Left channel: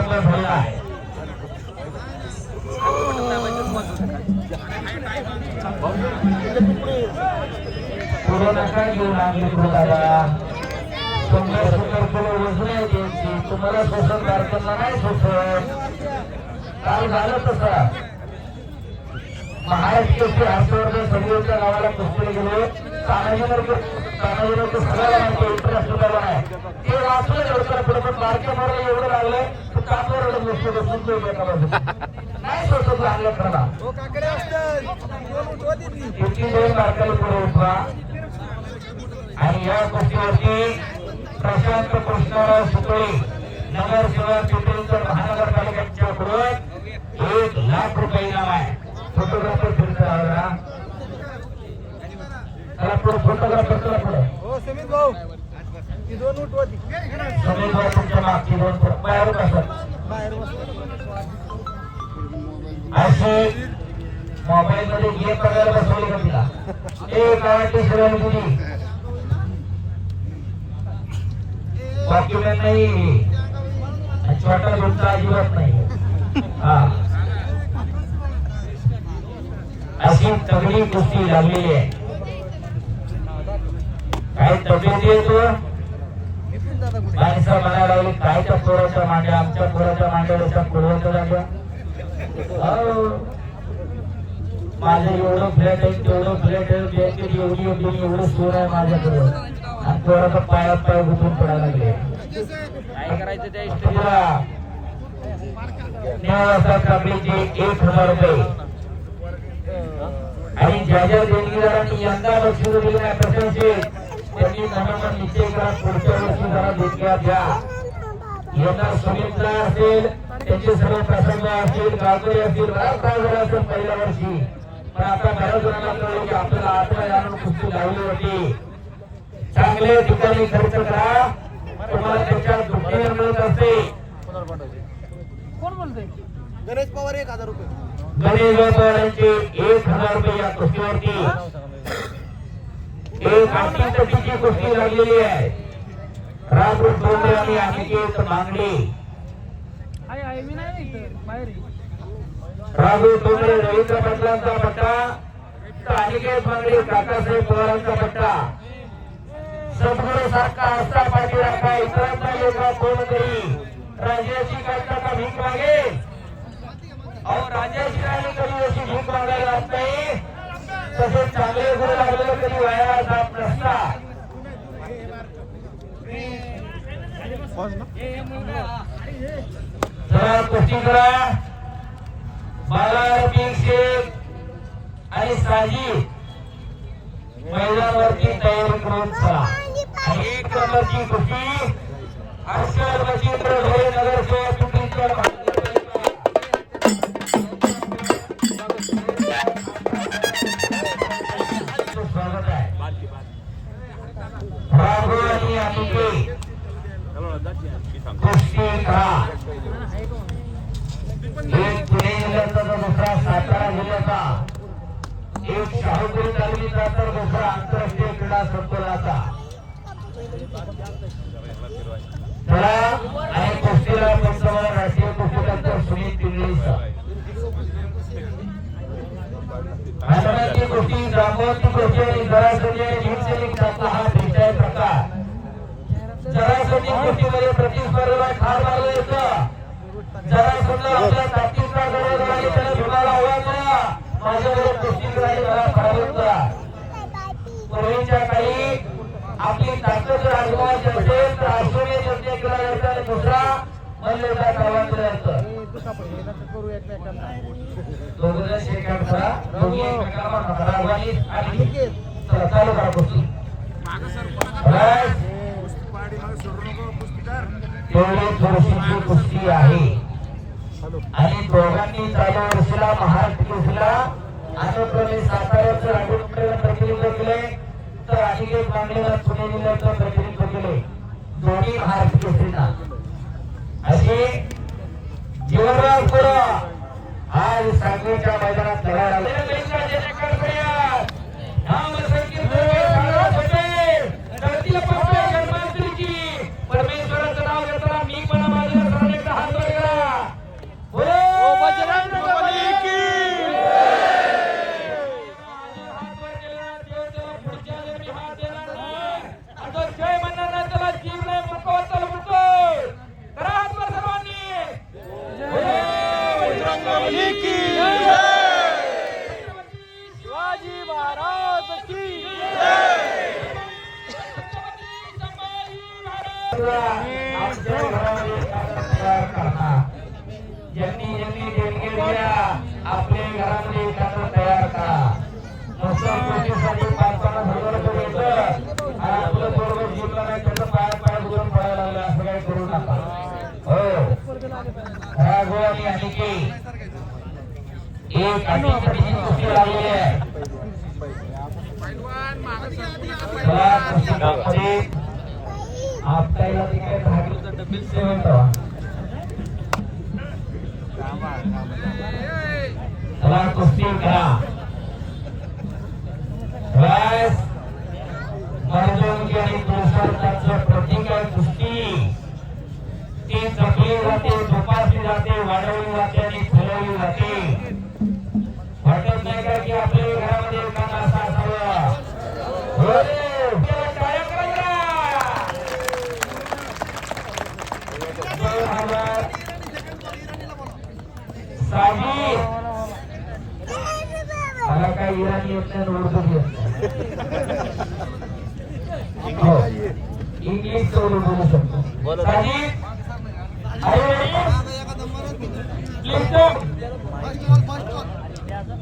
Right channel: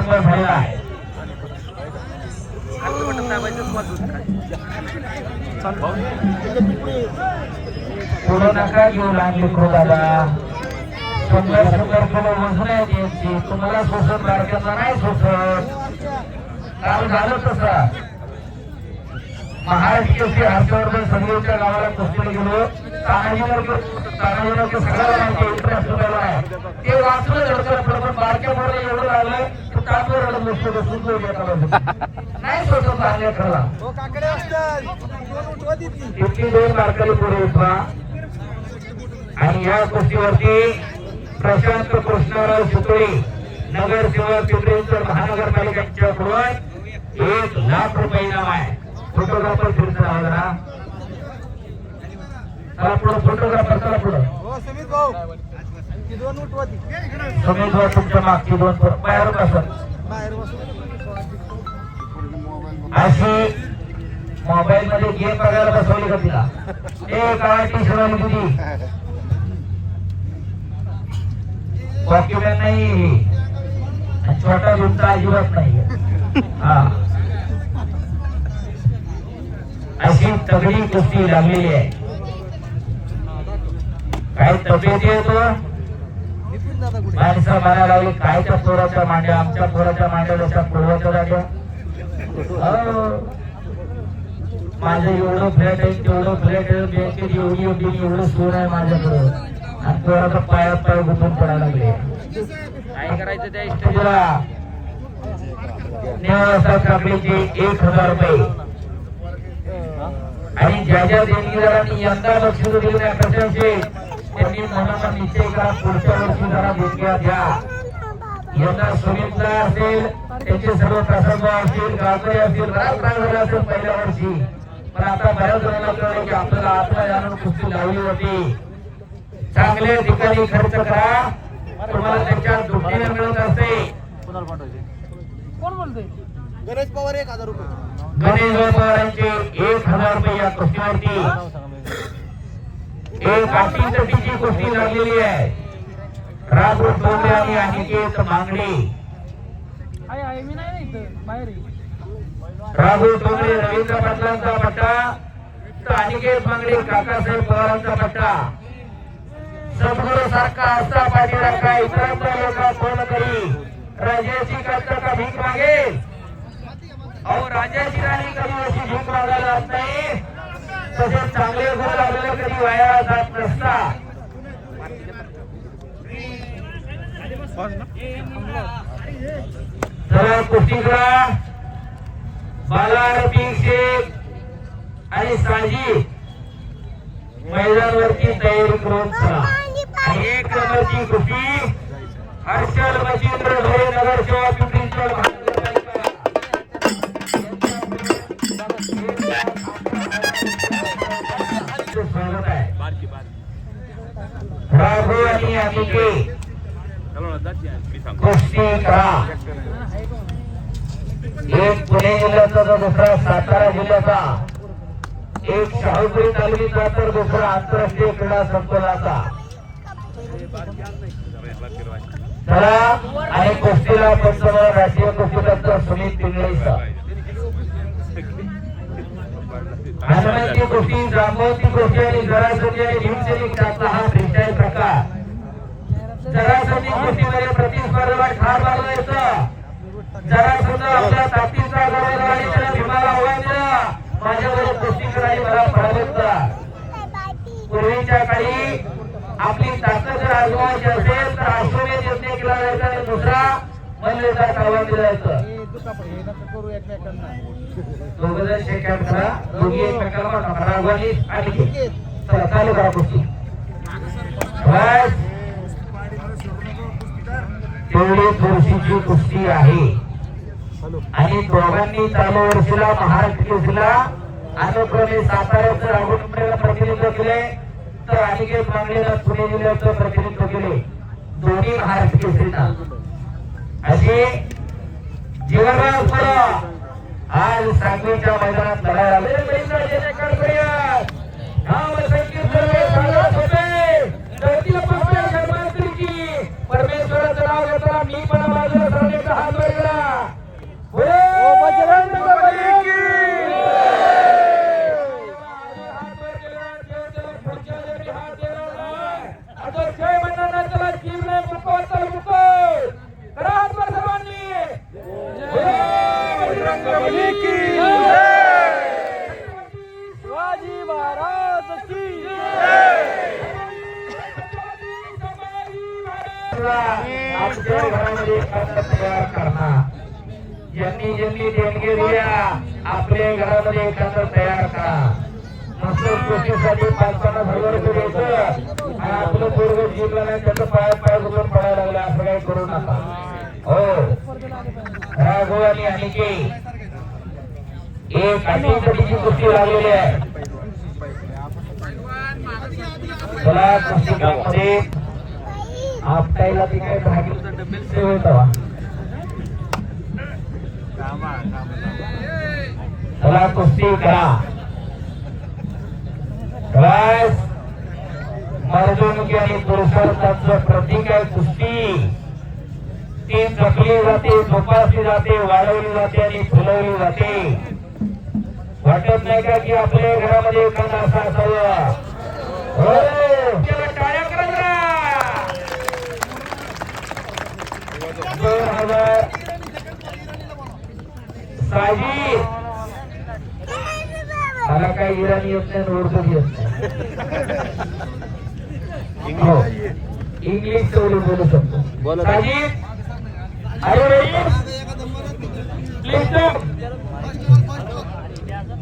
बंद झाला आहे. थोडं नका घेऊ लागले खोलाला सुंदर सुंदर फुलं वजून त्यांची. तुम्हाला सोसत बारकांना नाही सोसत. काल झालं तसं. महाराष्ट्राची हस्तावर संघाच्या गावाला कुस्ती गेलो. तानाजीवर तानाजीवर सगळं इंटरेस्ट झाला आहे ते वाचलं लवकर बरोबर बारक्या बरोबर एवढं लागलं. तर रडत नाही दोन पुढे उठवा आणि या कुस्तीवरती प्रशांत कृष्णराव सुपळे नगरसेवक पिंपरीकर महानगरपालिकेच्या कडून एक लाख रुपये इनाम आहे फोटोग्राफर तुमचा जरा चला पुढं फोटोग्राफर चला पुढं हो सुमित भाऊ ती दोन उठ होती सुमित भाऊ तुमच्या मागची दोन फुट बाहेर कसं बाहेर बसून अशी मोबाईल मध्ये गेम बघायला बसवली का तिला ए काय टी शर्ट तुझी डॉक्युमेंट नाही आणि छोटा तुमचा अजिबात नाही हा अशी तगडी कुस्ती लागलेली आहे काय तब्येत येतो माणसं म्हणायला लागलो काय त्या पोराच्या मांड्या आमच्या चोराचा मांड्या लोकांना पुरवतो जातो हो. माझं एवढं फ्लॅट आहे तेवढं फ्लॅट आहे बँकेत एवढी एवढी एवढं सोन आहे माझ्याकडे. आणि पोराचा पायात पाय गुंतून पडायला लागले. काय करायचं त्या एक हजार रुपये. आणि ज्या ज्या देणगीदारांनी यंदा लक्ष दिलं नाही कसे असेल त्यांनी मनाला निश्चय करा पुढच्या वर्षी जरा देणग्या द्या यंदा सुमित्रा असेल त्यांचे सर्व प्रसंग असतील गाजरे असतील बराच झालं असेल पहिल्या वर्षी. पण आता बऱ्याच जणांना कळलं की आपल्याला आत्मा जाणून कुस्ती लावली होती. चांगल्या ठिकाणी खर्च करा. तुम्हाला त्याच्या दुःखीने मिळत असते कोण गणेश पवार एक हजार रुपये. गणेश व्यापाऱ्यांचे एक हजार रुपये या कुस्तीवरती एक अटीतटीची कुस्ती लागलेली आहे. राजू डोंगरे आणि अनिकेत मांगडे आहे आहे मी रवींद्र पाटलांचा पट्टा. अनिकेत मांगडे काकासाहेब पवारांचा पट्टा. सद्गुरू सारखा असता पाठीराखा इतरांच्या योगा पूर्ण करी राजाची काका भीक मागेल कुस्ती करा एक पुणे जिल्ह्याचा तर दुसरा सातारा जिल्ह्याचा एक शाहूपुरी तर दुसरा आंतरराष्ट्रीय क्रीडा संकुलाचा चला आणि कुस्तीला पंचावन्न राष्ट्रीय कुस्ती डॉक्टर सुनील पिंगळे सर हनुमानची कुस्ती जांभवती कुस्ती आणि जरासंधी आणि भीमसेनी खेळाचा हा भेटाय प्रकार जरासंधी कुस्तीमध्ये प्रतिस्पर्धेला ठार मारलं येतं जरा समजा आपला ताकदीचा गरज आणि त्याला भीमाला आव्हान दिलं माझ्याकडे कुस्ती करायला मला पराभूत करा पूर्वीच्या काळी आपली ताकद जर आजमावायची असेल तर अश्वमेध यज्ञ केला जायचा आणि दुसरा मल्लेदार आव्हान दिलं जायचं हे दुखापत हे नका करू एकमेकांना. दोघं शेक हँड करा. दोघी एकमेकांना मारा. राघवानी आणि चला चालू करा कुस्ती. Right. तेवढी थोडीशी कुस्ती आहे. आणि दोघांनी चालू वर्षीला महाराष्ट्र केसरीला अनुक्रमे साताऱ्याचं राघवपडेला प्रतिनिधित्व केले तर अनिकेत मांगलेला पुणे जिल्ह्याचं प्रतिनिधित्व केले. दोन्ही महाराष्ट्र केसरीला असे जीवनराव पुढं. आज सांगलीच्या मैदानात लढायला ज्यांनी आपले घरामध्ये खातं तयार करा. मसूर कृषीसाठी पाच पन्नास हजार रुपये द्यायचं आणि आपलं पूर्वज जिंकलं नाही त्याचं पाय पाय घुसून पडायला लागलं असं काही करू नका. हो. खरा गो आणि अनिके. एक अनिकेची कुस्ती लावलेली आहे. आपल्याला तिकडे भाजी होता. चला कुस्ती करा बस मर्दुंकी आणि पुरुषार्थाचं प्रतीक आहे कुस्ती ती जपली जाते जोपासली जाते वाढवली जाते आणि फुलवली जाते वाटत नाही का की आपल्या घरामध्ये एखादा असा असावं हो, चला टाळ्या करा जरा. दोन हजार साजी मला काही इराणी येत नाही उर्दू येत नाही. हो. इंग्लिश तेवढी बोलू शकतो.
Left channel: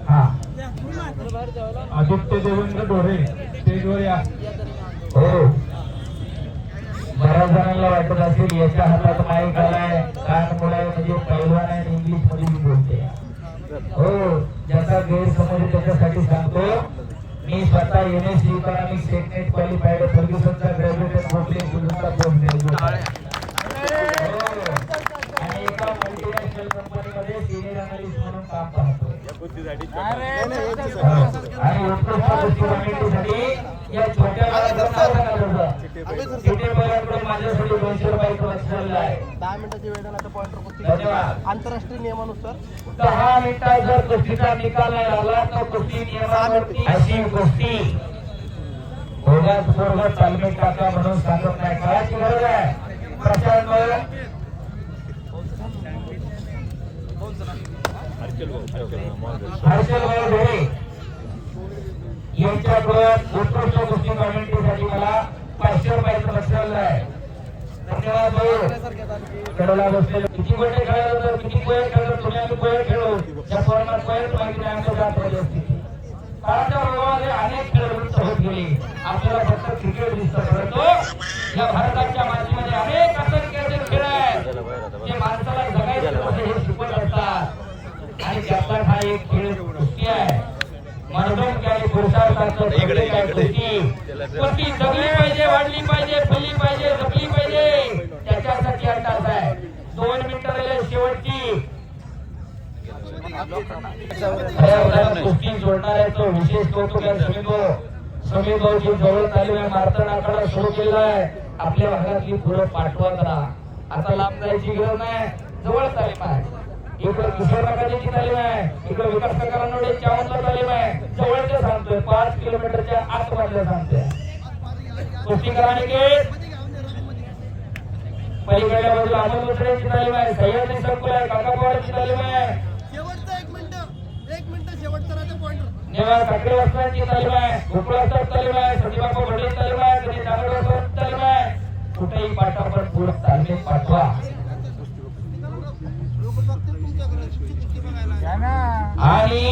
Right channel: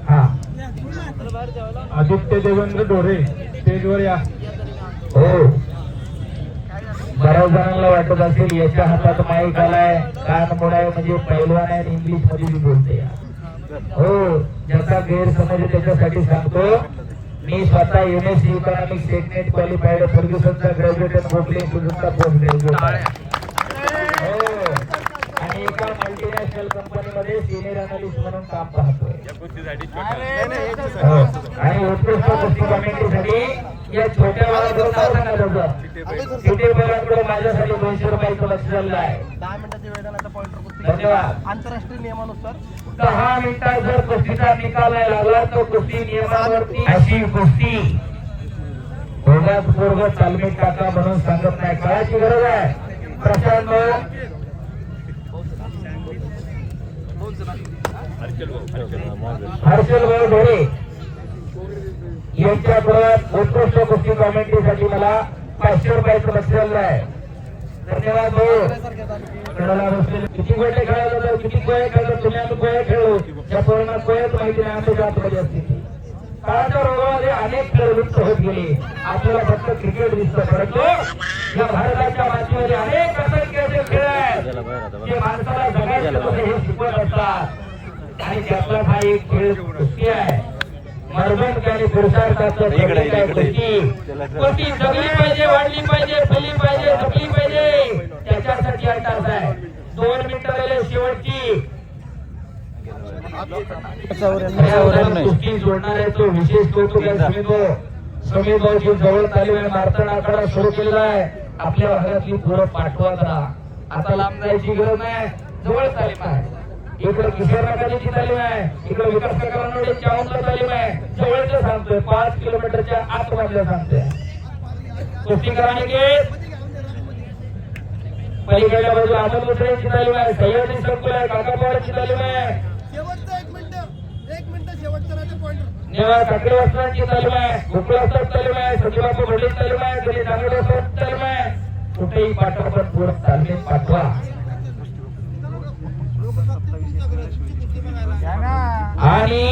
हा. आदित्य देवेंद्र डोरे स्टेजवर या. हो. बऱ्याच जणांना वाटत असेल याच्या हातात माईक आलाय. कान मोडाय म्हणजे पैलवान आहे इंग्लिशमध्ये बोलते हो. ज्याचा गैरसमज आहे त्याच्यासाठी सांगतो. मी स्वतः M S C economic statement qualified फर्ग्युसनचा graduate Gokhale तुझा पोस्ट ग्रॅज्युएट आणि एका मल्टीनॅशनल कंपनीमध्ये सिनियर अनालिस्ट म्हणून काम पाहतो. हो. आणि उत्कृष्ट गोष्टी कमिटीसाठी या छोट्या माझ्यासाठी दोनशे लक्ष झालं आहे. दहा मिनिटाची वेळ झाला आंतरराष्ट्रीय नियमानुसार. दहा मिनिटात जर कुस्तीचा निकाल नाही लागला तर कुस्ती नियमावरती अशी कुस्ती. भोगात तालमी टाका म्हणून सांगत नाही. काळाची गरज आहे. प्रशांत हर्षल भाऊ ढोरे यांच्याकडून उत्कृष्ट कुस्ती कॉमेंट्रीसाठी मला पाचशे रुपयाचं बसलेलं आहे. धन्यवाद भाऊ. किती वेळ खेळायला तर किती वेळ खेळलो तुम्ही आम्ही गोळे खेळू? त्या पोरांना वेळ माहिती नाही आमच्या जात पाहिजे असते. काळाच्या रोगामध्ये अनेक खेळ लुप्त होत गेले. आपल्याला फक्त क्रिकेट दिसत. परंतु या भारताच्या मातीमध्ये अनेक असे क्रिकेट खेळ आहेत. जे माणसाला जगायचे लोक हे शिकवत असतात. आणि त्यातला हा एक खेळ कुस्ती आहे. मनोरंजन आणि पुरुषार्थाचं प्रतीक आहे जगली पाहिजे वाढली पाहिजे फुली पाहिजे जपली पाहिजे. त्याच्यासाठी अंदाज आहे. दोन मिनिटं शेवटची. जोडणार आहे तो विशेष कौतुक आहे समीतो समीर भाऊची जवळ तालीम आहे मारताण आखाडा सुरू आहे आपल्या भागातली पुढं पाठवत राहा. आता लांब जायची गरज नाही. जवळ तालीम आहे. इकडे किशोर नकाची तालीम आहे. इकडे विकास नगरांमध्ये चावंतला तालीम आहे. जवळचं सांगतोय. पाच किलोमीटरच्या आत मधलं सांगतोय. कुस्ती कराने पलीकडल्या बाजूला आनंद मित्रांची तालीम आहे. सह्याद्री संकुल आहे. काकापवाडाची तालीम आहे. वासनांची तालीम आहे. उकळासात तालीम आहे. सचिबापू भडील तालीम आहे. कधी डांगरवासात तालीम आहे. कुठेही पाठवा पूर्ण तालीम पाठवा लोक बघतील तुमच्याकडे तुमची कुस्ती बघायला आणि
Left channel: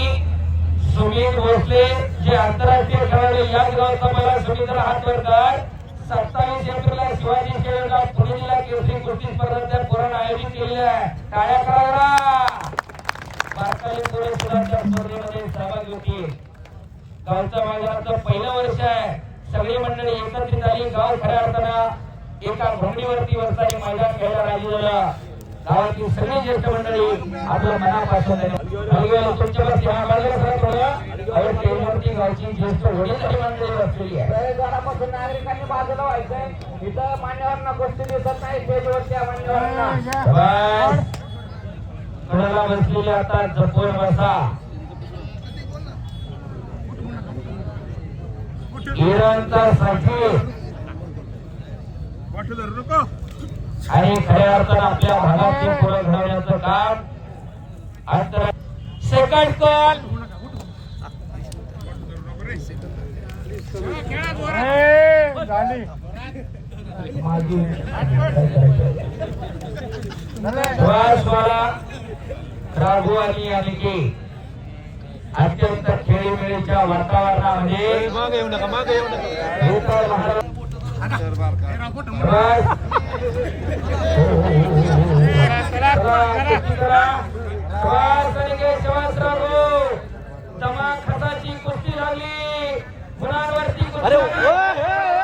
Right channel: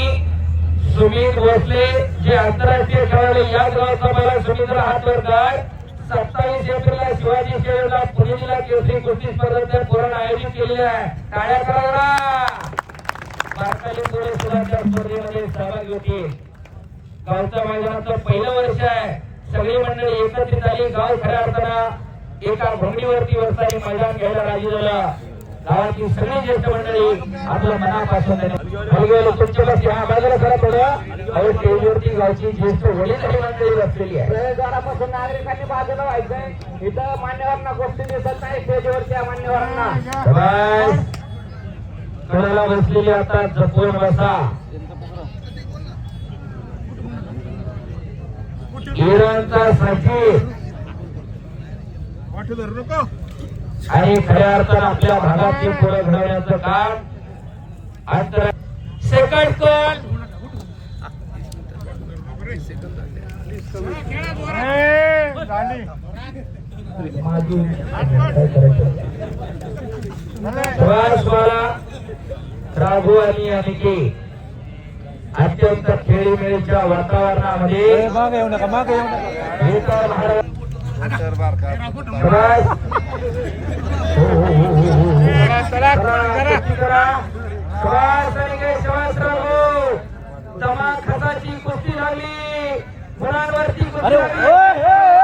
सुमित भोसले जे आंतरराष्ट्रीय खेळाडू या गावचा सुमित्र हात करतात सत्तावीस एप्रिलला शिवाजी स्टेडियमला जिल्हा केसरी कुस्ती स्पर्धेचं पुरण आयोजित केलेलं आहे. टाळ्या करावला भारताली पुढे सुद्धा स्पर्धेमध्ये सहभाग होतील गावच्या मैदानाचं पहिलं वर्ष आहे. सगळी मंडळी एकत्रित आली. गाव खऱ्या अर्थानं एका भूमीवरती वर्षाने मैदान घ्यायला राजी झालं. गावाची सगळी ज्येष्ठ मंडळी आपल्या मनापासून हलगेले तुमच्या लक्ष हा बाजूला सरा थोडं अहो स्टेजवरती गावची ज्येष्ठ वडीलधारी मंडळी बसलेली आहे. नागरिकांनी बाजूला व्हायचंय. इथं मान्यवरांना गोष्टी दिसत नाही. स्टेजवरच्या मान्यवरांना. घराला बसलेली आता जपून बसा. इराणचा साथी. आणि खऱ्या अर्थानं आपल्या भागातली पुढे घडवण्याचं काम आंतरराष्ट्रीय काढकोल श्वासवाला राघू आणि अनिके. अत्यंत खेळीमेळीच्या वातावरणामध्ये महाराज जमा खताची कुस्ती लागली. मुलांवरती कुस्ती लागली.